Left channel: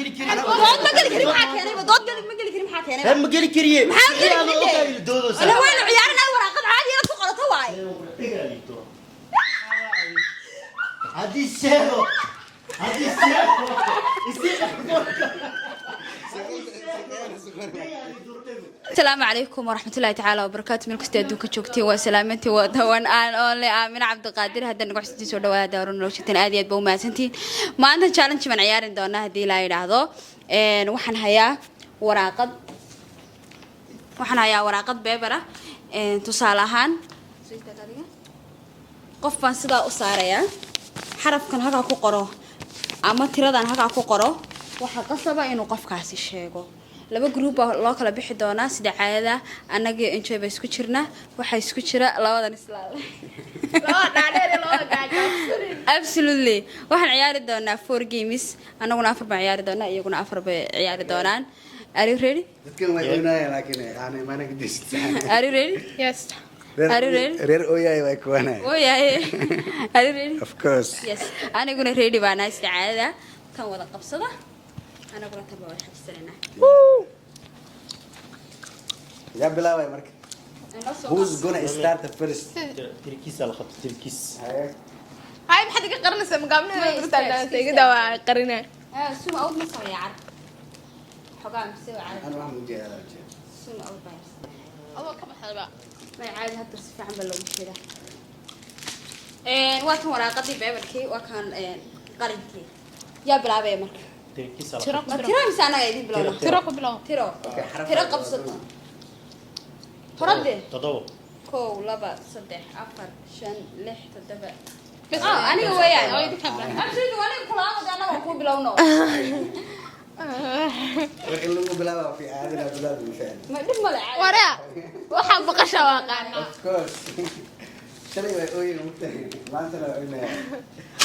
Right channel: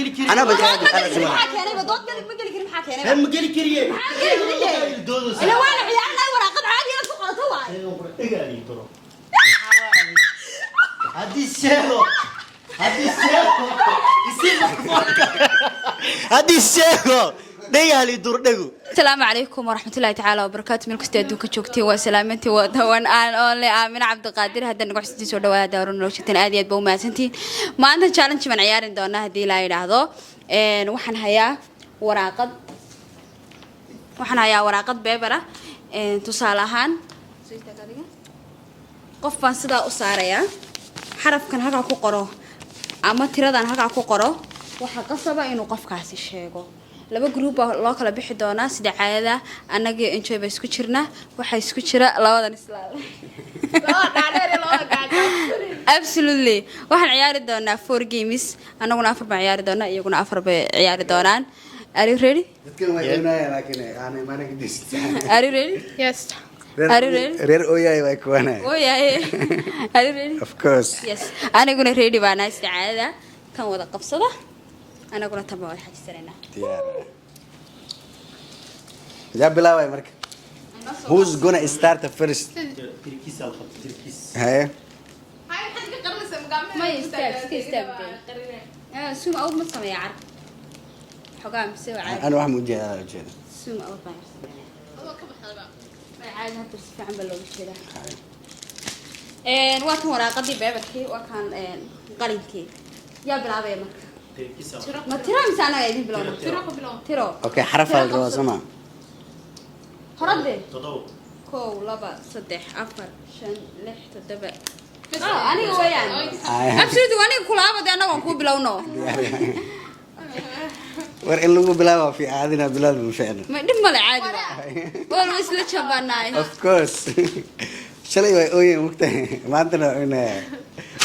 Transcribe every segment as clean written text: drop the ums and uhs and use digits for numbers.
قلي كريم أنا dood ma geli karin maxaa keenay dood gali ma geli karin maxaa keenay هم قلي كريم maxaa geli karin ana waan ciyaarnaa waraaqad caadi ah ku qorato waay هذه الشهوة هذه الشهوة دقيقة لي دور دقو السلام عليكم ورحمة الله تعالى وبركاته من كستي أدوك شوكتي وسلامتي ودوان آن أولي آمين عبد القادر هذا نقول حسيتي سو دوا دارون لو شتين آديات بو ما سنتين ما عندنا challenge من عيارين دونا هدي لا يراهدو وحن هيا وراقد بيبرة تصالحان qof baan sidaa u saaraya xarafkan halka ku qoro ama tiradan halka ku qoro waxa qasaba inuu qofkaasi sheego laba group loo kala bixi doona sida caadada anaga enjoy ba isku jirna waxa isku jira labadan islaal laba dhaadheer laba gaajo absolutely waxaan ciyaari doonaa 4 games anaguna 4 baan ciyaari doonaa iyaguna 4 bay ciyaari doonaan are you ready are you ready Yes. are you ready Reer Oyay way kuwana. Oh yeah. Are you ready? Of course. Yes. أنا قلنا ready بنا استعادة. كم وضع قبصة؟ أنا قلنا تبغى واحد سرنا. جاب بلاوي مرك. Who's gonna start the first? تركيس على خط تركيس هاي. هاي بحد قرنا سمقامنا كده قرنا سوم أول ما سمع يعرف. حقام سوى عادي. أنا واحد مجيء على الجيل. سوم أول ما. أول كم حلقة ما عادي هتدرس في عند اللون كده. وقت مراقبة بيبكي وكان قريبكي. يا بلا بيا مرك. تركيس على ترى ما ترى مسانا يدي بلونا. ترى بلا ترى. أوكي حرف الرسمة. تردد. تضوء كو لبا صدح أفر شن لح تدبع أنا ويان أبسط وأنا كل عبد أنا وأكون بلونه ورقلوا بلاوي في عادنا بلاد بالفعل. ما دم ولا عادي ورا وحنا بقى شبابنا Of course. شلي way أوي مكتة ما عندنا هنا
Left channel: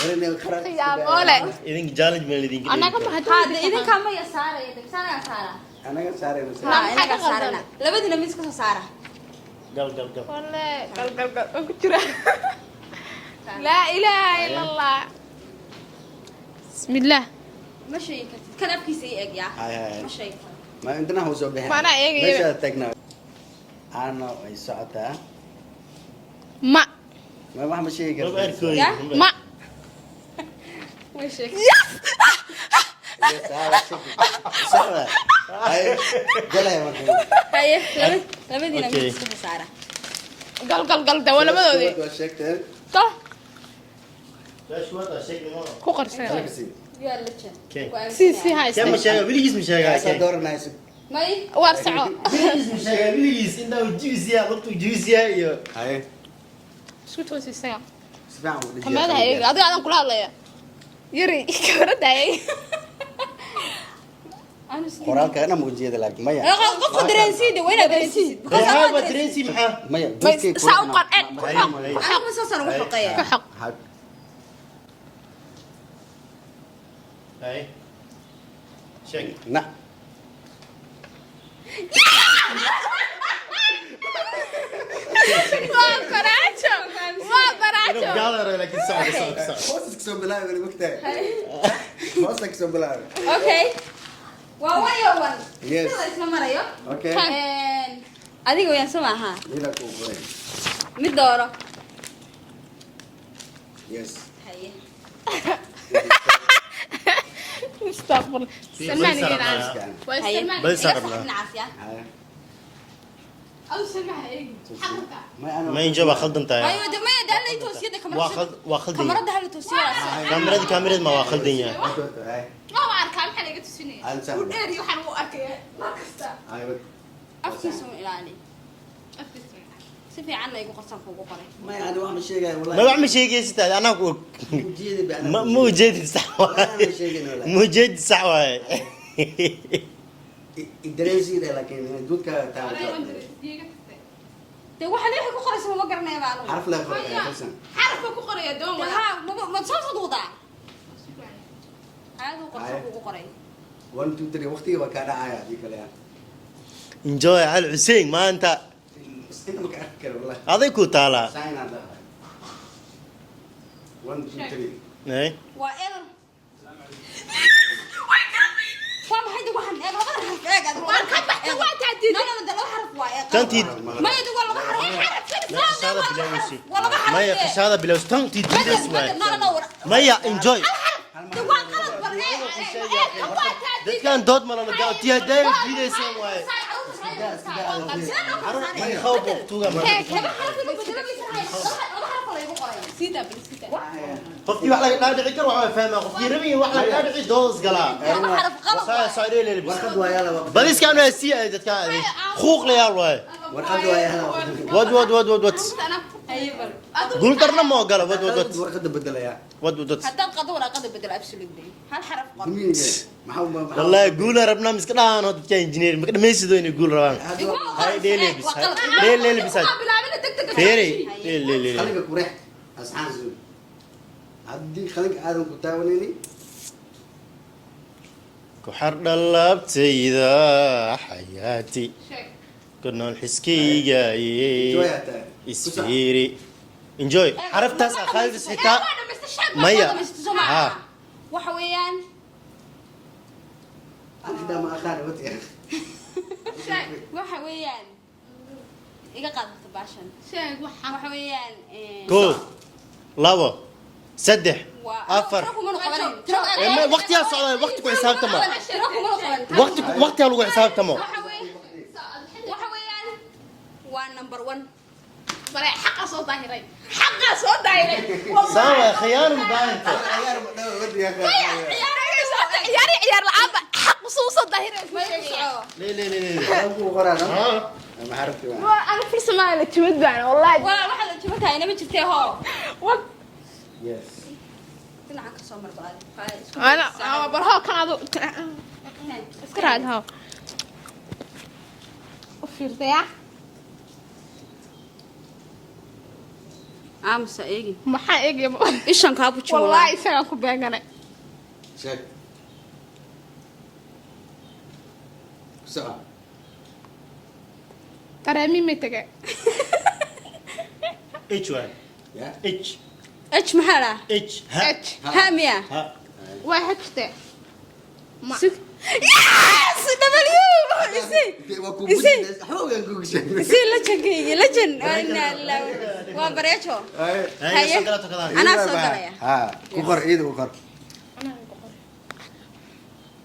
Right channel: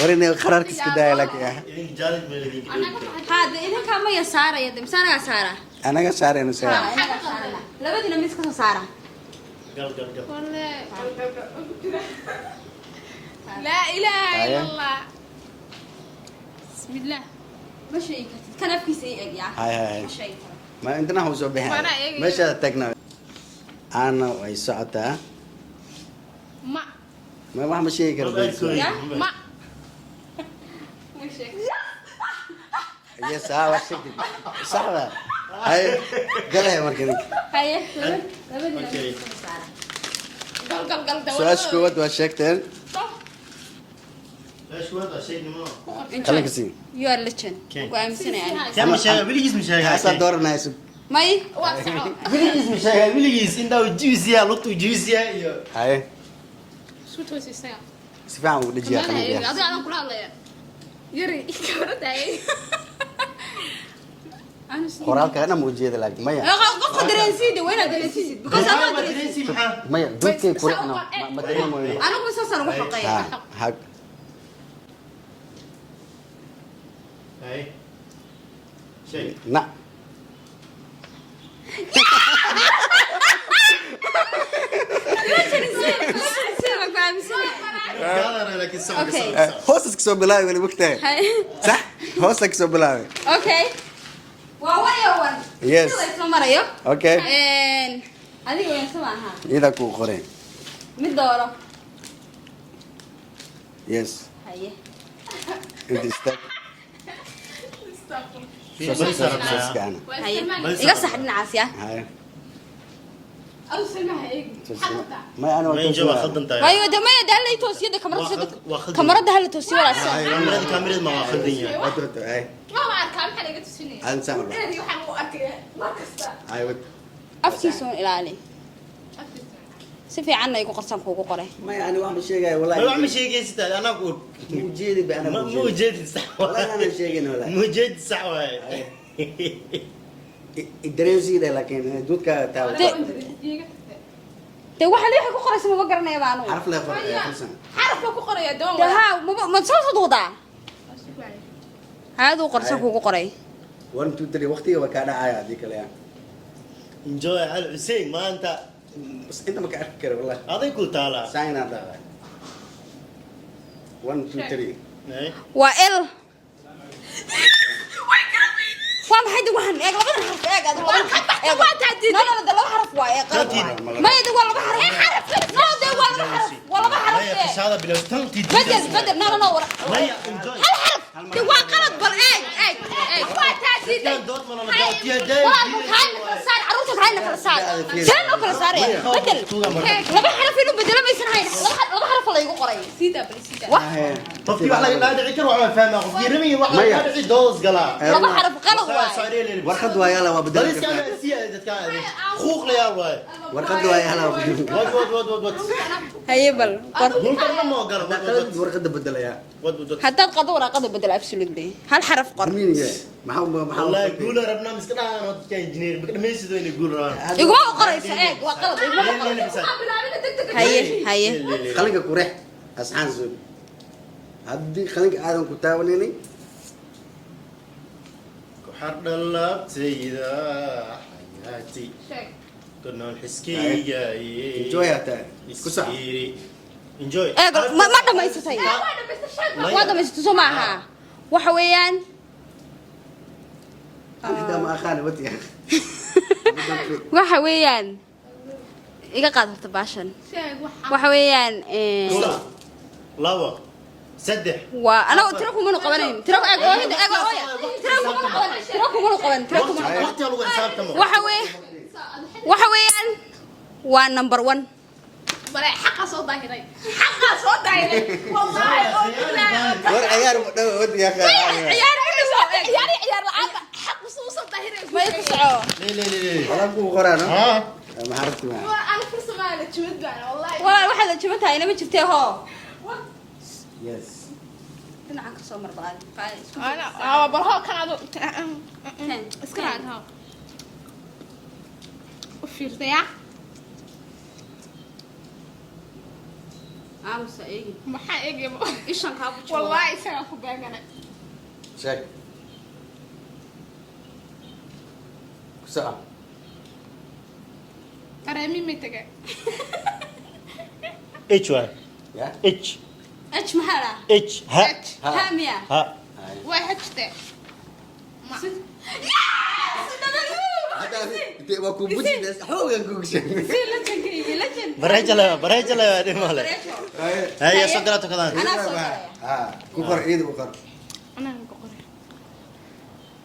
ورينا قررت استدعاء. إذن جالج من الذين أنا كم حد هذا إذا كم يا سارة يا دم سارة يا سارة أنا قصار أنا سار. ها أنا سارة لا لبدنا مسكنا سارة قال ولا قل كتير لا إله إلا الله بسم الله ماشي كان أبكي سيء يا هاي. ماشي ما عندنا هو زوبها. ما أنا إيه. مش تكنا. أنا ويسعتها. ما ما مش شيء كذا. ما ماشي يا سارة. سارة. هاي قال يا مركز. هاي لبدنا مسكنا سارة قل ده ولا ساس كود ما وشكتر. طه لا شو هذا شيء ما كوكر خليك كسين. you are legend سي هاي كم مشاهد بلي اسم يا مشاهد صدور ناس. ماي واسع بلي اسم مشاهد بلي اسم إنه جوزيا لطو جوزيا يو هاي. شو توسي ساعة سفاهم ودي ما أنا هيك أنا كل هذا يا يري كبرت هاي أنا سيدي قرالك أنا موجود لك مايا. قف درنسيدي وين درنسيدي ها ما ترينسي محا مايا دوكي ساوقات أنا مسافر وحقيقة حق. هاي شيء نعم. قال لك السؤال هوسك سو بلاوي ولا مكتئب. صح؟ هوسك سو بلاوي. اوكي وين Yes. isla marayo Okay. adiga waan samaha إذا كو قرين. mid dooro Yes. haye استغفر haye iga sax dhinacaas ya هاي. أو سمعها إيه ما أنا. وين جاب خدن تاعي waayo damaya dalay toosiyada واخد kamarada hal toosiyo wala كاميرا كاميرا ما واخدين هاي. ما أعرف كم حلقة تسني أنت سامع. وديري وحنا وأكل ما كسر أيوة. afkiisu ilaali si fiican igu qarsan kuugu qoray ما أنا واحد شيء جاي والله. ما بعمل شيء كيس انا اقول موجود بأنا. مو جيد صح ولا أنا شيء ولا. مو جيد صح الدراسي ده لكن دوت كتاع. de waxa leeyahay ku qoraysa ma garanay baanu عارف لا فرق يا حسن. عارف أكو قرية دوم ha ma soo soo هذا قرصان kuugu qoray 1 2 3 وقتي وكان عايا ديك الأيام. انجوي على حسين ما انت بس أنت ما كان أفكر والله. هذيك وتالا ساين هذا. 1 2 3. ايه waa l ما يخش هذا بلا استنتي ما يا انجوي كان دوت مرة نجاتي هذا قفتي واحد لا دعيكر وعم فاهمه قفتي رمي واحد لا دعي دوز قلا warqad waa yala waa بل اسكا بس اذا كان خوخ لي يلا warqad waa yala ود هي بل قول ترى ما قال ود warqada bedelaya ود حتى قدونا قد بدل ابسولوتلي هل حرف قر maxaa والله يقول ربنا مسكنا انا انجينير ما يسدون يقول راه يقول قرص وقلب ليه بس هي qalinka ku reex asxaan soo haddii qalinka aadan ku taawanaynin كحر دلبتي ذا حياتي كنا نحسكي جاي jooyaa tahay يسيري انجوي ما دمستي معها waxa weeyaan aniga ma aqaan wadi waxa weeyaan iga qaadata baashan waxa weeyaan كو لابا سدح waa anagu tiro kuma qabanayn tiro وقت لو حساب تمام waxa weeyaan waa number 1 سوا خيال war ciyaar ma dhaw wadi ya ليه ku qoraan ها ma aragti ma waxaad jibintahay inama jirtee hoo yes dhinaca ka soo marbaad amsa eegi ishan kaa bujo sheeg sa'a اتش 1 ya اتش h maxaa dhaa اتش ها ها miya ها waa ku budinaysa xoogan ku gashay si lajankayga lajan بريجلا دي مالك bareejo هي سكرته كذا anaa soo galaya ha ku qor iyada ku qor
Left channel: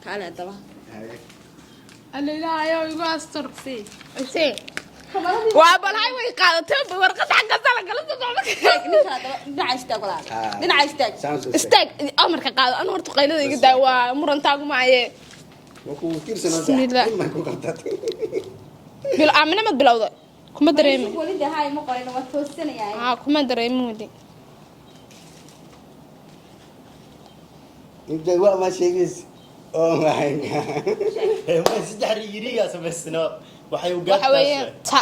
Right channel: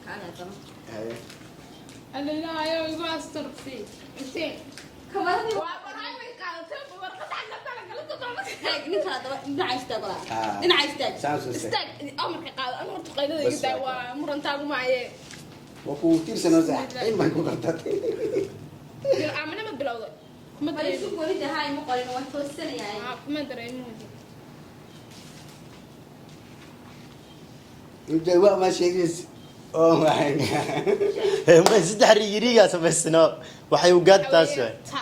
kaale daba haye dhinaca istaag استاك امرك قاعد انا horta qaylada iga daa waa murantaagu maaye waa ku tirsanaysa in ma ku qabtay bil aamina ma bilowda kuma dareemin walida hay ma qorin waa toosanayaa kuma dareemin wadi inta waa ma sheegis oo waxay ما يصدح ريريا سبسنا waxay u gaadtaa ta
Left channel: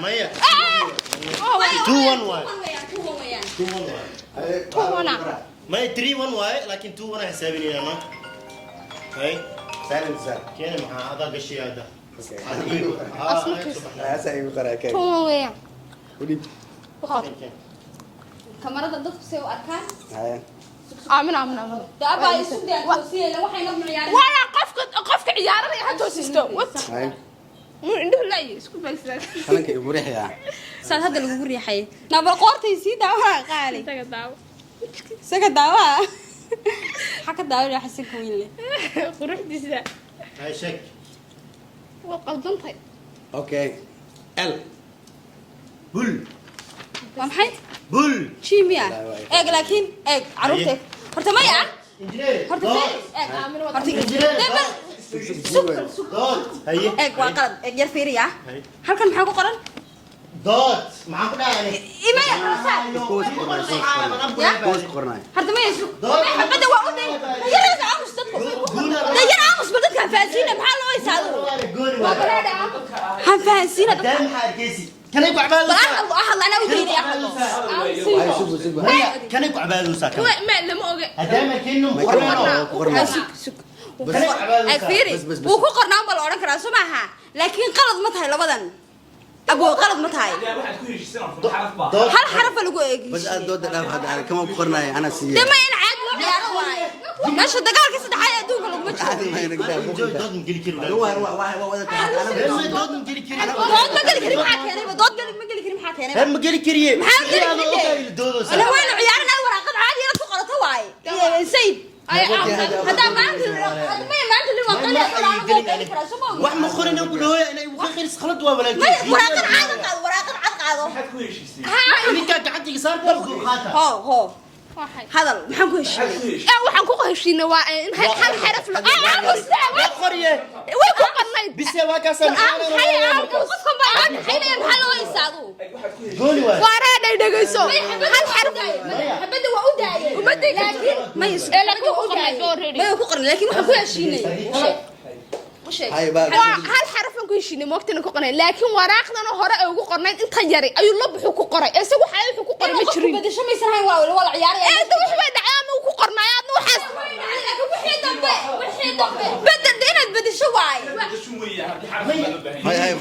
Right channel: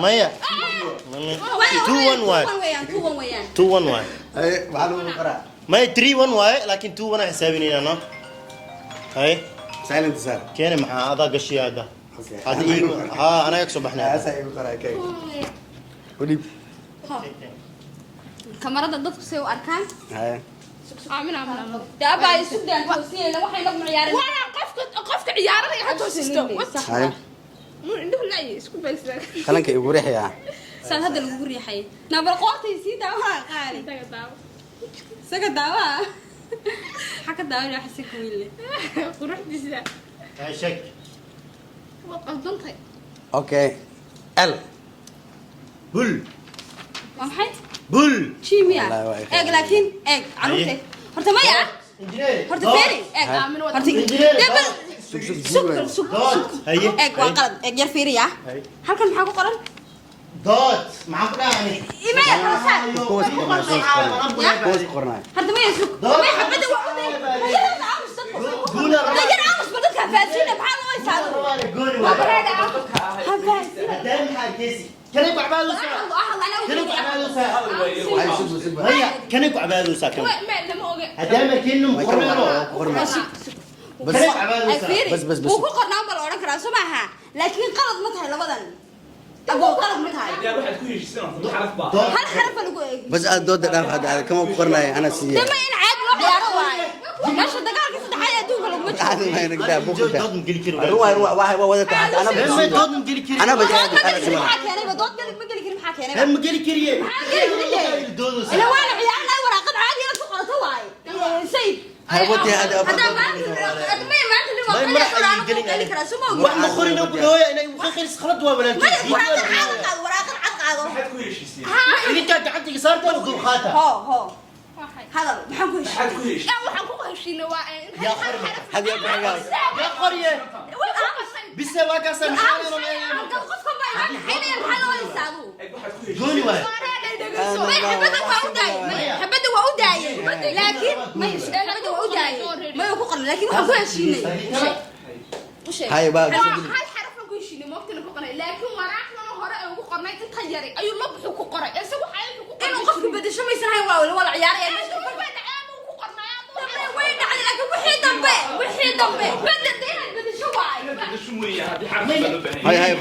مايا 2 1 1 2 1 1 ay waxa lagu qoraa ما 3 1 واي لكن 2 1 حسابين انا هاي silent sir كان مع هذا قشي هذا ها انا يكسب احنا asa ay qoraa kay wadi kamarada dadku say u arkaan haye aamin daabaa isu daa toosiye la waxay noo ciyaareen wala qofka ciyaarada ha toosisto haye mu indho la isku beesna qalinka igu riixaya san hadda lagu riixay nabar qoortay si daawa qaali saga daawa xaka daawa ya xasib wiil quruxdiisa هاي شك waa qaldantay okay l بول waa maxay بول chimia eeg laakiin eeg caruurtay horta maya انجينير horta feeri eeg aamin wada sukar sukar هاي eeg waa qalad eeg yar feeriya هاي halkan maxaa ku qoran دوت معك داعني email kala saar koos qornay hadda ma yusuk ma xabada waa uday yaana aamus dadku yaana aamus dadka faasiina maxaa loo isaado han faasiina دم حاجزي كان يقع بالو ahad ana u geeyay ay subu subu كان يقع بالو ساكن ma lama oga هدام كانه مقرنه ku qornay كان يقع بالو ay fiiri بس- بس- بس. wuu ku qornaan bal oran karaa soo maaha laakiin qalad ma tahay labadan ابو غلط ما تهاي لا واحد كل شيء سنة حرف با هل حرف لو بس الدود داف هذا كم قرنا أنا سيء لما ينعاد لو واي ماشي دقالك صدحايا دوق لو ما هذا ما ينقدر جو بوكده دود مقلي كيلو هو أنا دود مقلي كيلو أنا دود ما قال كريم حاكي انا دود ما قال كريم حاكي انا هم مقلي كريه دود انا وين عيالنا وراقد عادي انا ku qorato waay sayid wax ma qorin oo ku dhawaya inay u khayris khalad waa walaalkii waraaqad cad qaado واحد كل شيء سنة idinka gacantiga saartaan dul qaata ho hadal maxaan ku heshiiyey واحد كل شيء waxaan ku heshiinay waa in hal xaraf la waa qoriye way ku qarnay bise waa ka sameeyay واحد كل شيء gooni waa wareeday dhageyso xabada waa u daayay laakiin ma yisheelada waa u daayay ma ku qarnay laakiin waxaan ku heshiinay هاي بقى hal xaraf aan ku heshiinay moogtana ku qornay laakiin waraaqdan hore ay ugu qornayd inta yari ayuu la buxu ku qoray isagu waxa uu ku qoray ma jirin badasho ma sahay waa wala ciyaar ee wax bay dhacay ama ku qornay aad waxaas way dhacay laakiin wixii dambe badad inaad badasho waay شو مريا هذه حرف ما له بهني هاي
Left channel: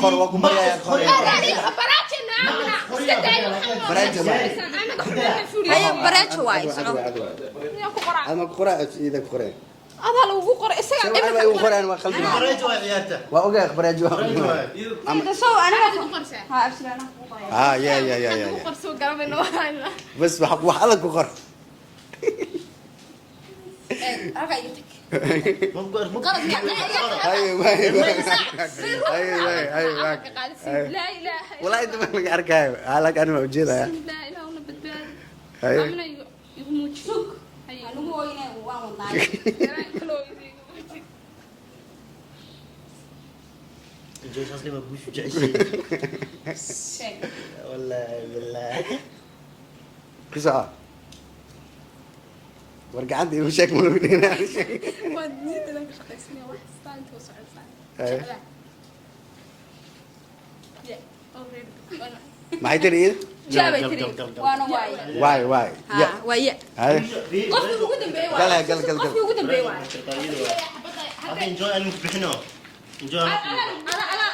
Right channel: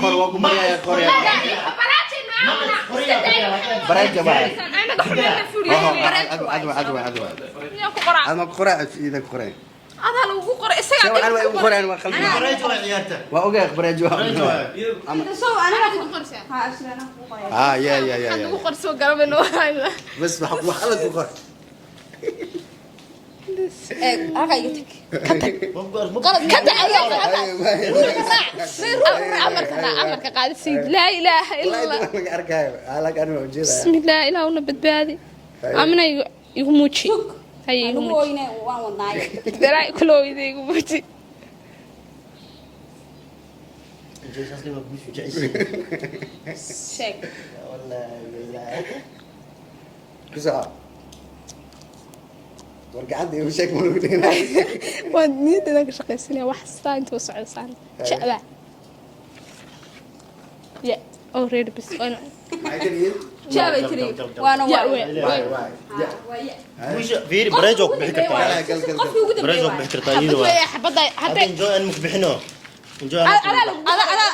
خور واكو مريا يا خور برنجة بقى أنا قرأت إذا قرأت adaa lagu qoray isaga شو أنا بقول قرأت أنا خلني baraajo waa ciyaarta وأوجع برنجة يا ku qorso galabeen waa بس وحالك قرأت amarka qaadisiid laa ilaaha illa allah بسم الله ilaahuna badbaadi amina igu muuji hay igu muuji daraa kulooyda igu muuji جوز اصلي ما بقولش جعيش والله بالله كسر ورجعت لي مشاكل موجودين waad niyadda ka shaqaysanaya wax staa inta u socdaan jecla ya already bis ما يدري جابي تري وانا واي يا ويا فيري بريجو بحكي لا قال قفي ugu dambeeyay بريجو بحكي طايده xabada xabada هذا انجو انا مكبحنو انجو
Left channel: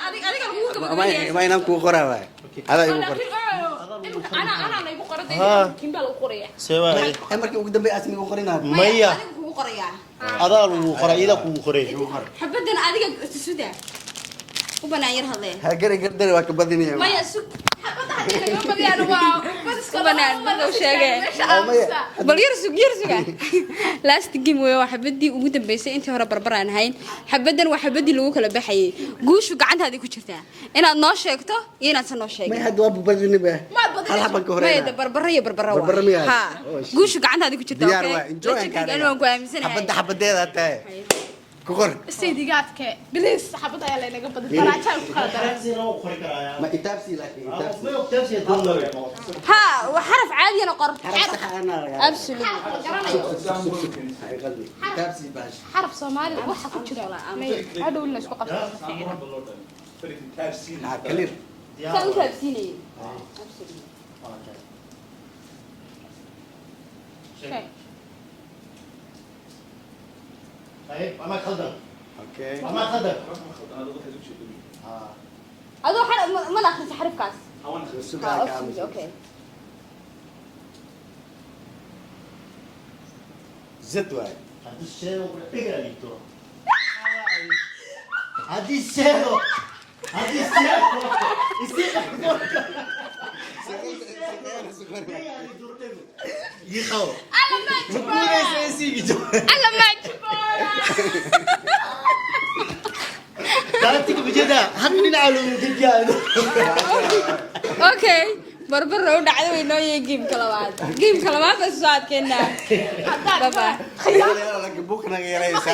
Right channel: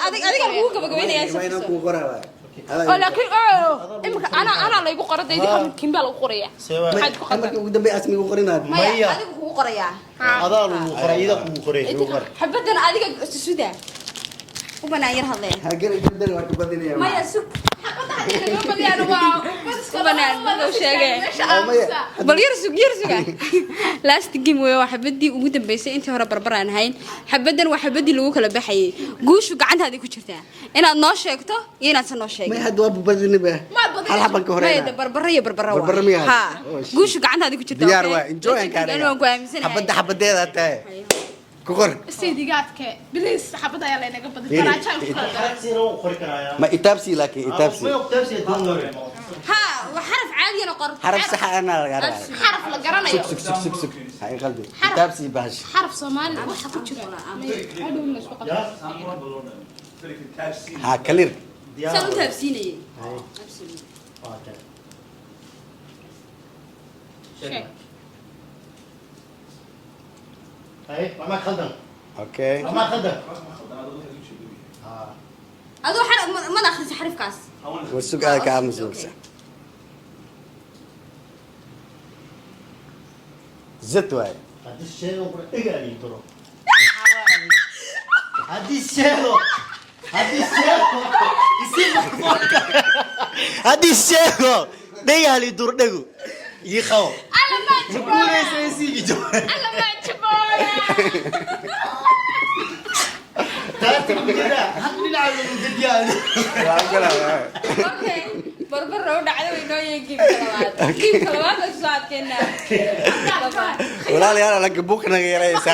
adiga lagu gabagabeynaya ما ينام كو قرا واي هذا laakiin ana la igu qoradayda kimba lagu qoraya سوا أنا كي قدام بيأسمي قرينا مية adiga kugu qoraya هذا لو قريده كو قري xabadan adiga suuda u banaayir hadleen هاجري قدر وكبدني يا maya sug bal yarsuga last game way waa xabadii ugu dambeysay intii hore barbaraan hayn xabadan waa xabadii lagu kala baxayay guushu gacantaada ku jirtaa inaad noo sheegto iyo inaad san noo sheegto ما يهد وابو بدني به هل حبك ma هورينا barbara Barbara miyaa? ha guushu gacantaada ku jirtaa ديار واي انجوي كان waan ku aaminsanahay حبدة تاي كوكر sidigaadka bilis xabada ayaa la inaga badan faraajaay ku kala daray سيرو قري كرايا ما إتابسي لك ما إتابسي يقتبسي دون ha وحرف عادي انا قرب حرف صح أنا يا xaraf la garanayo هاي قلبي إتابسي باش xaraf Soomaali waxa ku jira hadhow la isku qabto ها كلير saan u taabsiinayay shay هاي ما خدم أوكي ما خدم adoo xaraf ma akhriso xarafkaas والسوق هذا كام سوق زت واي هذا الشيء اقرا لي ترى هذا الشيء هذا الشيء دقا لي دور دقو يخو بقول ايش سيجي جو alla ma jiboola كاتب بجدا حد من على الدجال okay barbar noo dhacday way noo yeegin game kalabaad ka soo adkeena لا لا لا بوكنا يا ريس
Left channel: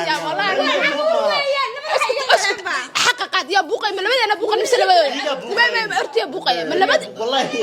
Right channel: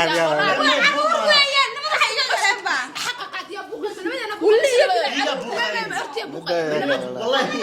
حققت يا بوقي من لبدنا بوقي لسه لبدنا ما ارتي بوقي من لبد والله